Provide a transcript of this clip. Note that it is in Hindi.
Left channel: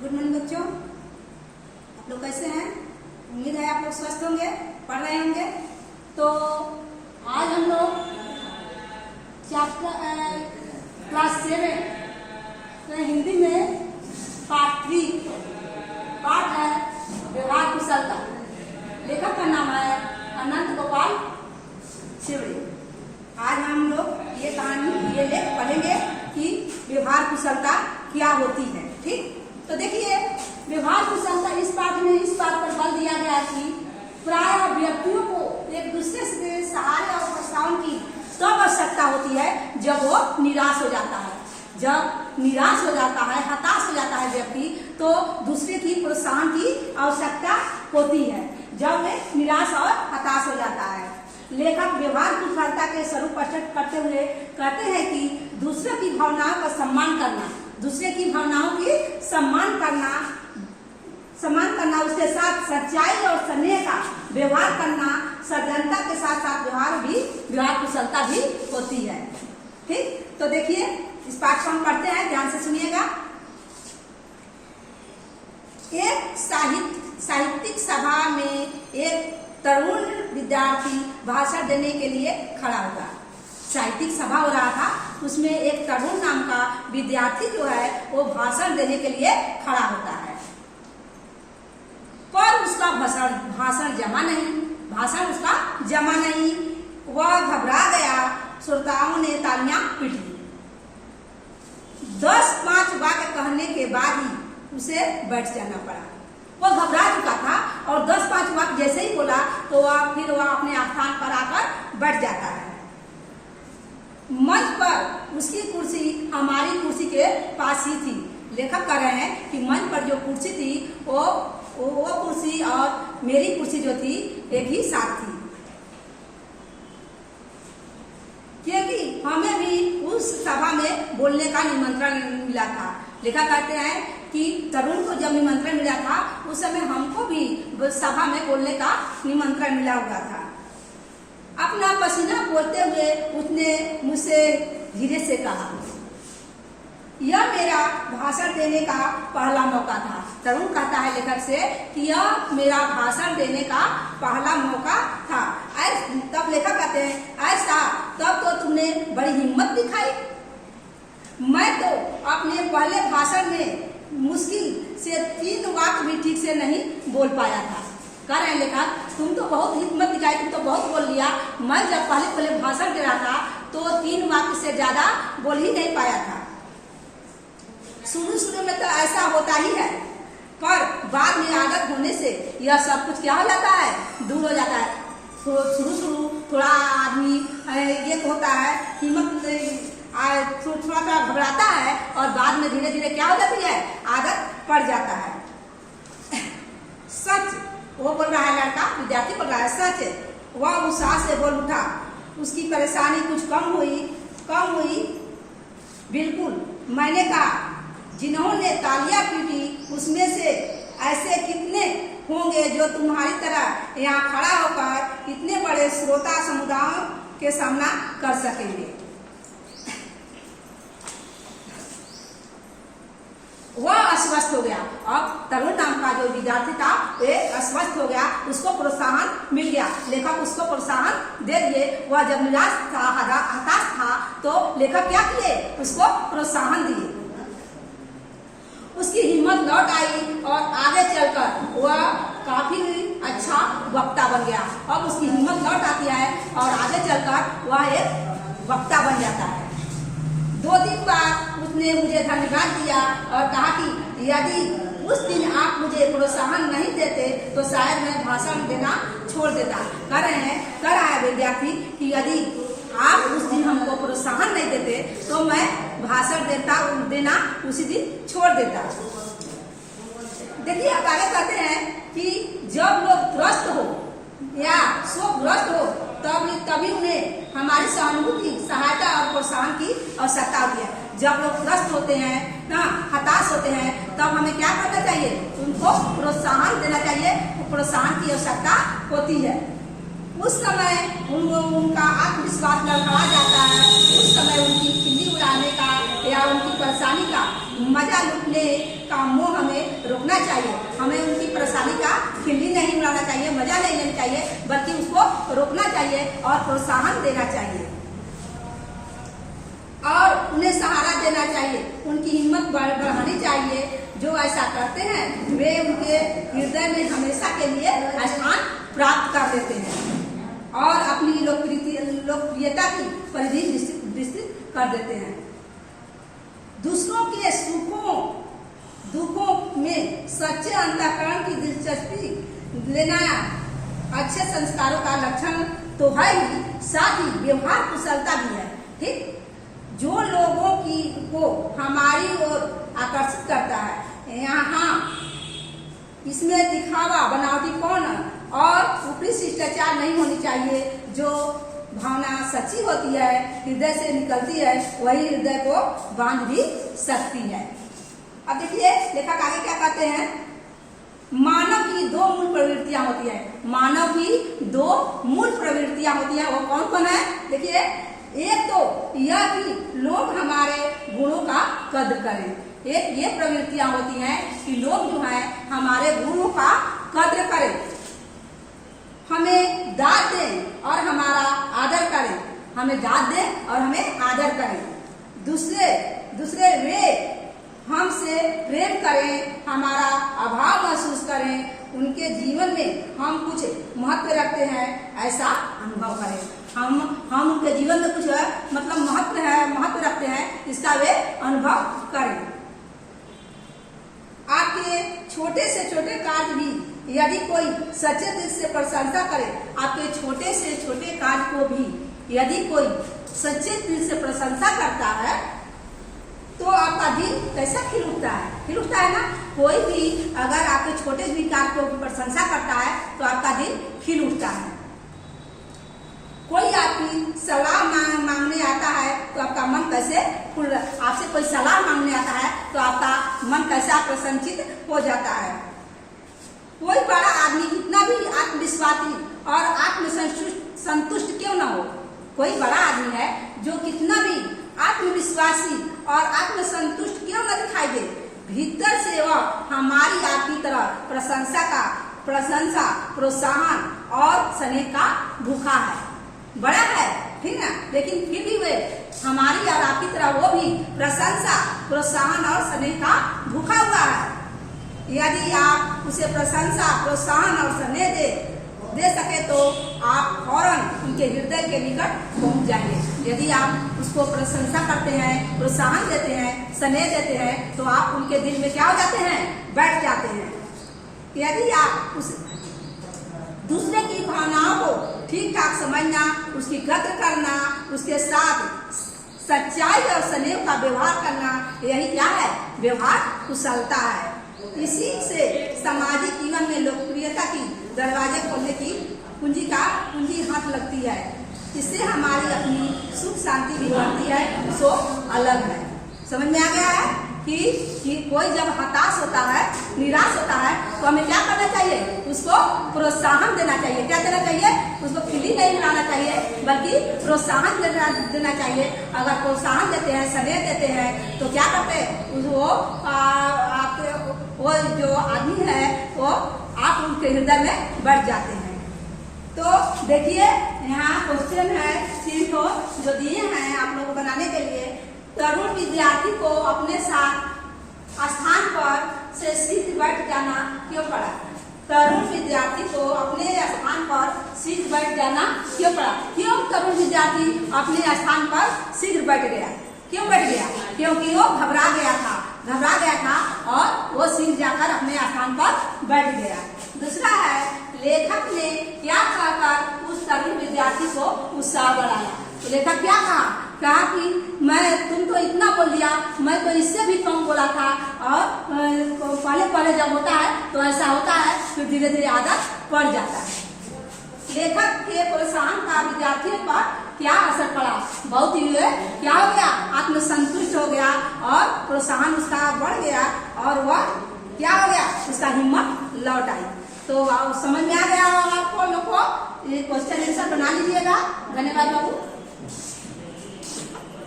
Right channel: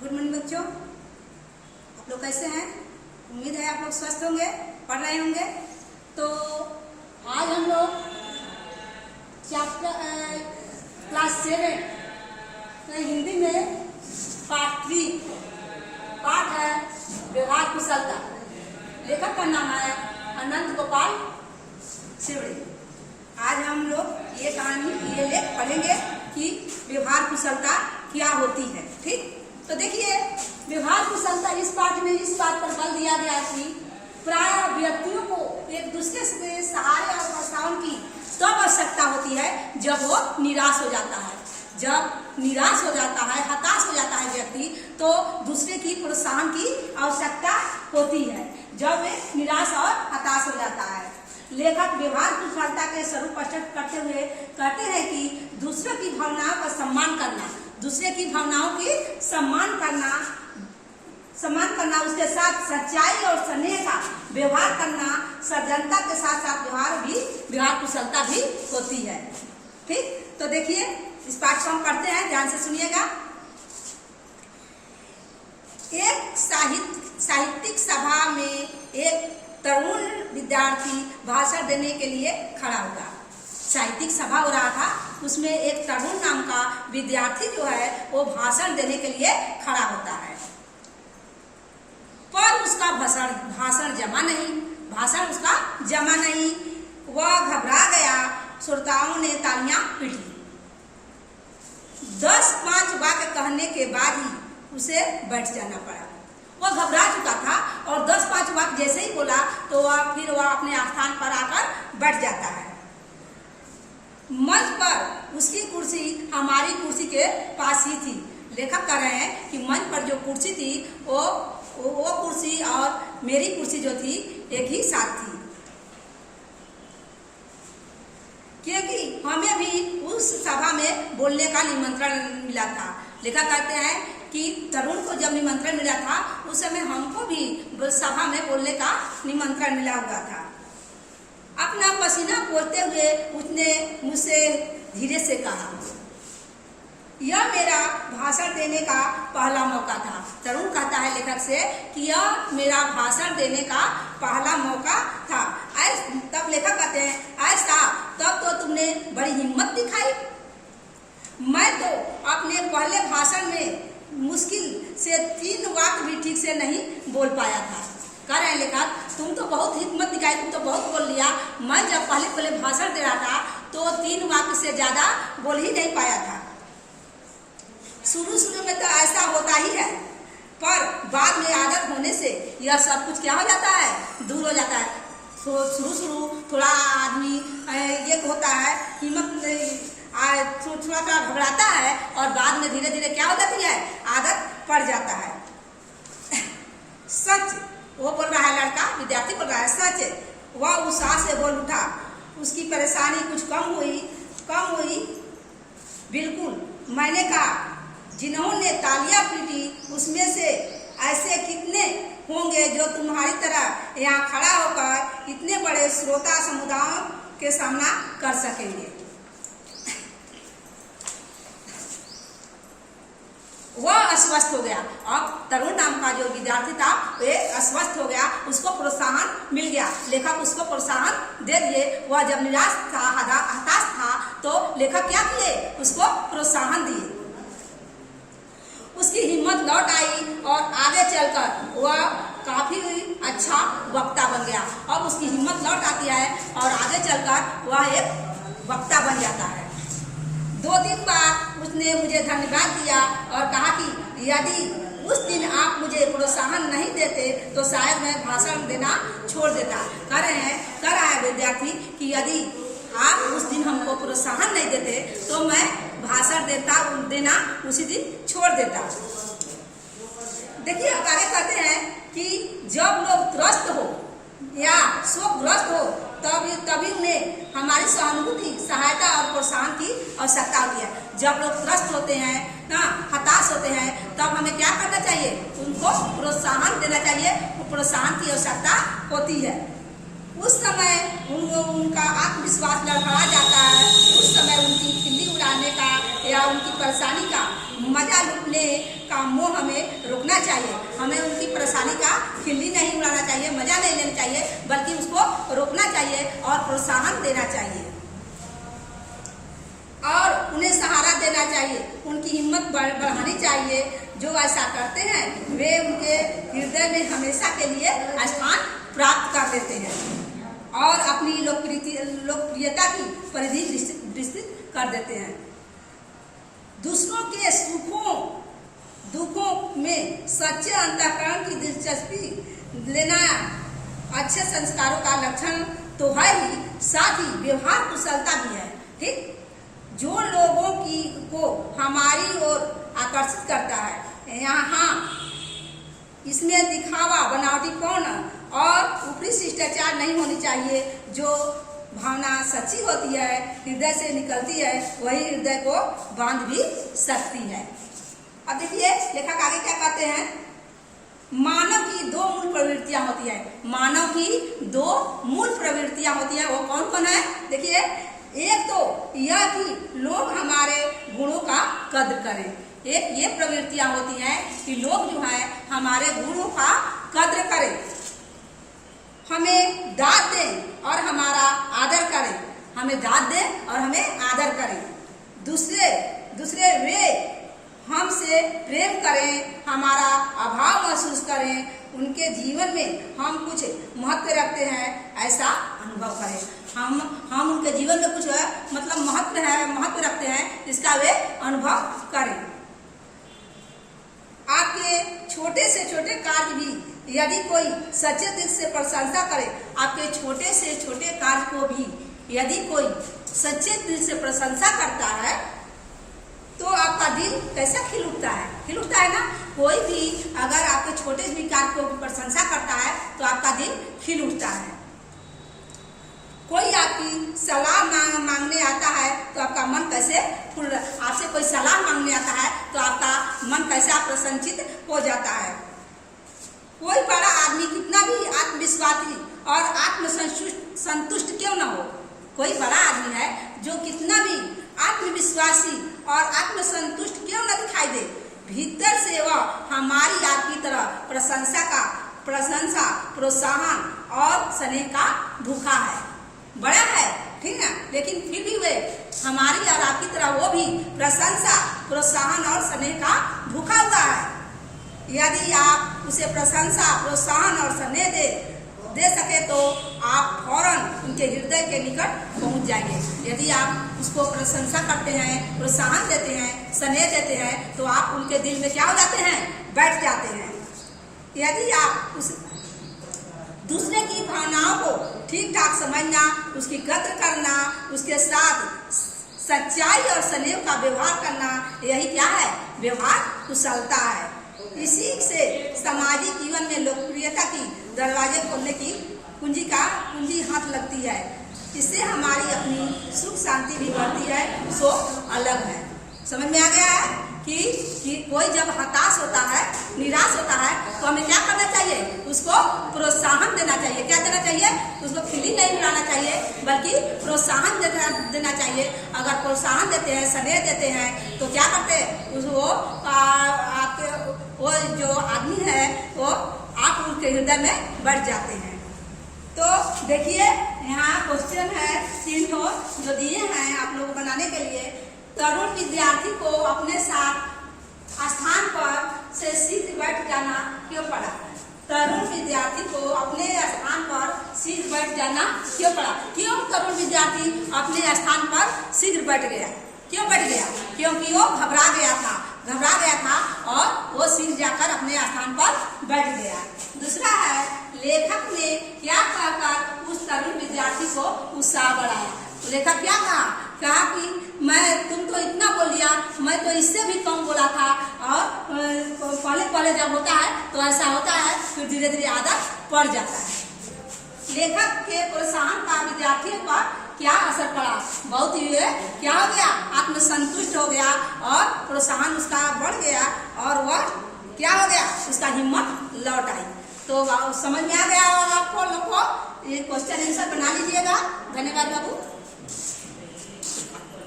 गुड मॉर्निंग बच्चों, आप लोग कैसे हैं? उम्मीद है आप लोग स्वस्थ होंगे, पढ़ रहे होंगे। तो आज हम लोग चैप्टर क्लास 7 हिंदी में पार्ट 3 पाठ है व्यवहार कुशलता। लेखक का नाम है अनंत गोपाल शिवड़े। आज हम लोग ये कहानी ये लेख पढ़ेंगे कि व्यवहार कुशलता क्या होती है। ठीक, तो देखिए व्यवहार कुशलता इस पाठ में इस बात पर बल दिया गया कि प्राय व्यक्तियों को एक दूसरे से सहारे और प्रोत्साहन की तब आवश्यकता होती है जब वो निराश हो जाता है। जब निराश हो जाता है, हताश हो जाता है व्यक्ति, तो दूसरे की प्रोत्साहन की आवश्यकता होती है जब वे निराश और हताश हो जाता है। लेखक व्यवहार कुशलता के स्वरूप स्पष्ट करते हुए कहते हैं कि दूसरों की भावनाओं का सम्मान करना, दूसरे की भावनाओं की सम्मान करना, उसके साथ सच्चाई और स्नेह का व्यवहार करना, सज्जनता के साथ साथ व्यवहार कुशलता भी होती है। ठीक, तो देखिए इस पाठ को हम पढ़ते हैं, ध्यान से सुनिएगा। एक साहित्यिक सभा में एक तरुण विद्यार्थी भाषण देने के लिए खड़ा हुआ। साहित्यिक सभा हो रहा था, उसमें एक तरुण नाम का विद्यार्थी जो है वो भाषण देने के लिए खड़ा होता है, पर उसका भाषण उसका जमा नहीं। वह घबरा गया। श्रोताओं ने तालियां पीटी। 10-5 वाक्य कहने के बाद ही उसे बैठ जाना पड़ा। वो घबरा चुका था और 10-5 वाक्य जैसे ही बोला तो वह अपने स्थान पर आकर बैठ जाता है। मंच पर उसकी कुर्सी हमारी कुर्सी के पास ही थी। लेखक कह रहे हैं कि मंच पर जो कुर्सी थी वो कुर्सी और मेरी कुर्सी जो थी एक ही साथ थी, क्योंकि हमें भी उस सभा में बोलने का निमंत्रण मिला था। लेखक कहते हैं कि तरुण को जब निमंत्रण मिला था उस समय हमको भी सभा में बोलने का निमंत्रण मिला हुआ था। अपना पसीना पोंछते हुए उसने मुझसे धीरे से कहा, यह मेरा भाषण देने का पहला मौका था। तरुण कहता है लेखक से कि यह मेरा भाषण देने का पहला मौका था। तब लेखक कहते हैं ऐसा, तब तो तुमने बड़ी हिम्मत दिखाई। मैं तो अपने पहले भाषण में मुश्किल से 3 वाक्य भी ठीक से नहीं बोल पाया था। कह रहे हैं लेखक, तुम तो बहुत हिम्मत दिखाई, तुम तो बहुत बोल लिया। मैं जब पहले भाषण दे रहा था तो 3 वाक्य से ज्यादा बोल ही नहीं पाया था। शुरू में तो ऐसा होता ही है, पर बाद में आदत होने से यह सब कुछ क्या हो जाता है, दूर हो जाता है। तो शुरू थोड़ा आदमी ये होता है, हिम्मत थोड़ा घबराता है और बाद में धीरे धीरे क्या हो जाती है, आदत पड़ जाता है। सच, वो बोल रहा है, लड़का विद्यार्थी बोल रहा है, सच है। वह उत्साह से बोल उठा। उसकी परेशानी कुछ कम हुई। बिल्कुल, मैंने कहा, जिन्होंने तालियां पीटी उसमें से ऐसे कितने होंगे जो तुम्हारी तरह यहाँ खड़ा होकर इतने बड़े श्रोता समुदायों के सामना कर सकेंगे। वह अस्वस्थ हो गया। अब तरुण नाम का जो विद्यार्थी था वे अस्वस्थ हो गया, उसको प्रोत्साहन मिल गया। लेखक उसको प्रोत्साहन दे दिए। वह जब निराश था, हताश था, तो लेखक क्या किए, उसको प्रोत्साहन दिए। उसकी हिम्मत लौट आई और आगे चलकर वह काफी अच्छा वक्ता बन गया। अब उसकी हिम्मत लौट आती है और आगे चलकर वह एक वक्ता बन जाता है। 2-3 बार उसने मुझे धन्यवाद दिया और कहा कि यदि उस दिन आप मुझे प्रोत्साहन नहीं देते तो शायद मैं भाषण देना छोड़ देता। कह रहा है विद्यार्थी कि यदि आप उस दिन हमको प्रोत्साहन नहीं देते तो मैं भाषण देना उसी दिन छोड़ देता। देखिए आगे कहते हैं कि जब लोग त्रस्त हो या शोकग्रस्त हो तभी उन्हें हमारी सहानुभूति, सहायता और प्रोत्साहन की आवश्यकता होती है। जब लोग त्रस्त होते हैं ना, हताश होते हैं, तब हमें क्या करना चाहिए, उनको प्रोत्साहन देना चाहिए। प्रोत्साहन की आवश्यकता होती है। उस समय उनका आत्मविश्वास लड़खड़ा जाता है। उस समय उनकी खिल्ली उड़ाने का या उनकी परेशानी का मजा लूटने का का मोह हमें रोकना चाहिए। हमें उनकी परेशानी का खिल्ली नहीं उड़ाना चाहिए, मजा नहीं लेना चाहिए, बल्कि उसको रोकना चाहिए और प्रोत्साहन देना चाहिए और उन्हें सहारा देना चाहिए। उनकी हिम्मत बढ़ानी चाहिए। जो ऐसा करते हैं वे उनके हृदय में हमेशा के लिए स्थान प्राप्त कर देते हैं और अपनी लोकप्रियता की परिधि विस्तृत कर देते हैं। दूसरों के सुखों दुखों में सच्चे अंतःकरण की दिलचस्पी लेना अच्छे संस्कारों का लक्षण तो है ही, साथ ही व्यवहार कुशलता भी है। ठीक, जो लोगों को हमारी ओर आकर्षित करता है, यहाँ इसमें दिखावा, बनावटीपन और ऊपरी शिष्टाचार नहीं होनी चाहिए। जो भावना सच्ची होती है, हृदय से निकलती है, वही हृदय को बांध भी सकती है। अब देखिए लेखक आगे क्या कहते हैं। मानव की दो मूल प्रवृत्तियां होती है। मानव की दो मूल प्रवृत्तियां होती है। वो कौन कौन है? देखिए, एक तो यह कि लोग हमारे गुणों का कद्र करें। एक ये प्रवृत्तियां होती हैं कि लोग जो है हमारे गुणों का कद्र करें, हमें दाद दें और हमारा आदर करें। हमें दाद दें और हमें आदर करें। दूसरे वे हमसे प्रेम करें, हमारा अभाव महसूस करें, उनके जीवन में हम कुछ महत्व रखते हैं ऐसा अनुभव करें। हम उनके जीवन में कुछ मतलब महत्व रखते हैं, इसका वे अनुभव करें। आपके छोटे से छोटे कार्य भी यदि कोई सच्चे दिल से प्रशंसा करे, आपके छोटे से छोटे कार्य को भी यदि कोई सच्चे दिल से प्रशंसा करता है तो आपका दिल कैसा खिल उठता है ना। कोई भी अगर आपके छोटे भी कार्य को प्रशंसा करता है तो आपका दिल खिल उठता है। कोई आपकी सलाह मांगने आता है तो आपका मन कैसे आपसे कोई सलाह मांगने आता है तो आपका मन कैसा प्रसन्नचित हो जाता है। कोई बड़ा आदमी कितना भी आत्मविश्वासी और आत्मसंतुष्ट क्यों न हो, कोई बड़ा आदमी है जो कितना भी आत्मविश्वासी और आत्मसंतुष्ट क्यों न दिखाई दे, भीतर से वह हमारी आपकी तरह प्रशंसा, प्रोत्साहन और स्नेह का भूखा है। बड़ा है ठीक ना, लेकिन फिर भी वे हमारी और आपकी तरह वो भी प्रशंसा, प्रोत्साहन और स्नेह का भूखा हुआ है। यदि आप उसे प्रशंसा, प्रोत्साहन और स्नेह दे सके तो आप फौरन उनके हृदय के निकट पहुंच जाएंगे। यदि आप उसको प्रशंसा करते हैं, प्रोत्साहन देते हैं, स्नेह देते हैं तो आप उनके दिल में क्या हो जाते हैं? बैठ जाते हैं। यदि आप उस दूसरे की भावनाओं को ठीक ठाक समझना, उसकी कद्र करना, उसके साथ सच्चाई और स्नेह का व्यवहार करना, यही क्या है? व्यवहार कुशलता है। इसी से सामाजिक जीवन में लोकप्रियता की दरवाजे खोलने की कुंजी हाथ लगती है। इससे हमारी अपनी सुख शांति भी बढ़ती है, सो अलग है। समझ में आ गया है कि कोई जब हताश होता है, निराश होता है तो हमें क्या करना चाहिए? उसको प्रोत्साहन देना चाहिए। क्या देना चाहिए? उसको खिल्ली नहीं उड़ाना चाहिए, बल्कि प्रोत्साहन देना चाहिए। अगर प्रोत्साहन देते हैं, स्नेह देते हैं तो क्या करते हैं? वो जो आदमी है वो आप उनके हृदय में बढ़ जाते हैं। तो देखिए यहाँ क्वेश्चन है 3 को जो दिए हैं आप लोगों को बनाने के लिए। तरुण विद्यार्थी को अपने साथ स्थान पर से शीघ्र बैठ जाना क्यों पड़ा? तरुण विद्यार्थी को अपने स्थान पर शीघ्र बैठ जाना क्यों पड़ा? क्यों तरुण विद्यार्थी अपने स्थान पर शीघ्र बैठ गया? क्यों बैठ गया? क्योंकि वो घबरा गया था और वो शीघ्र जाकर अपने स्थान पर बैठ गया। दूसरा है, लेखक ने क्या कहकर उस तरुण विद्यार्थी को उत्साह बढ़ाया? लेखक क्या कहा कि तुम तो इतना बोल दिया, मैं तो इससे भी कम बोला था। और पहले जब होता है तो ऐसा होता है, फिर धीरे धीरे आदत पड़ जाता है। लेखक के प्रोत्साहन का विद्यार्थियों पर क्या असर पड़ा? बहुत ही क्या हो गया? आत्मसंतुष्ट हो गया और प्रोत्साहन उसका बढ़ गया और वह क्या हो गया? उसका हिम्मत लौट आई। तो समझ में आ गया होगा आपको लोग को। ये क्वेश्चन आंसर बना लीजिएगा। धन्यवाद बाबू।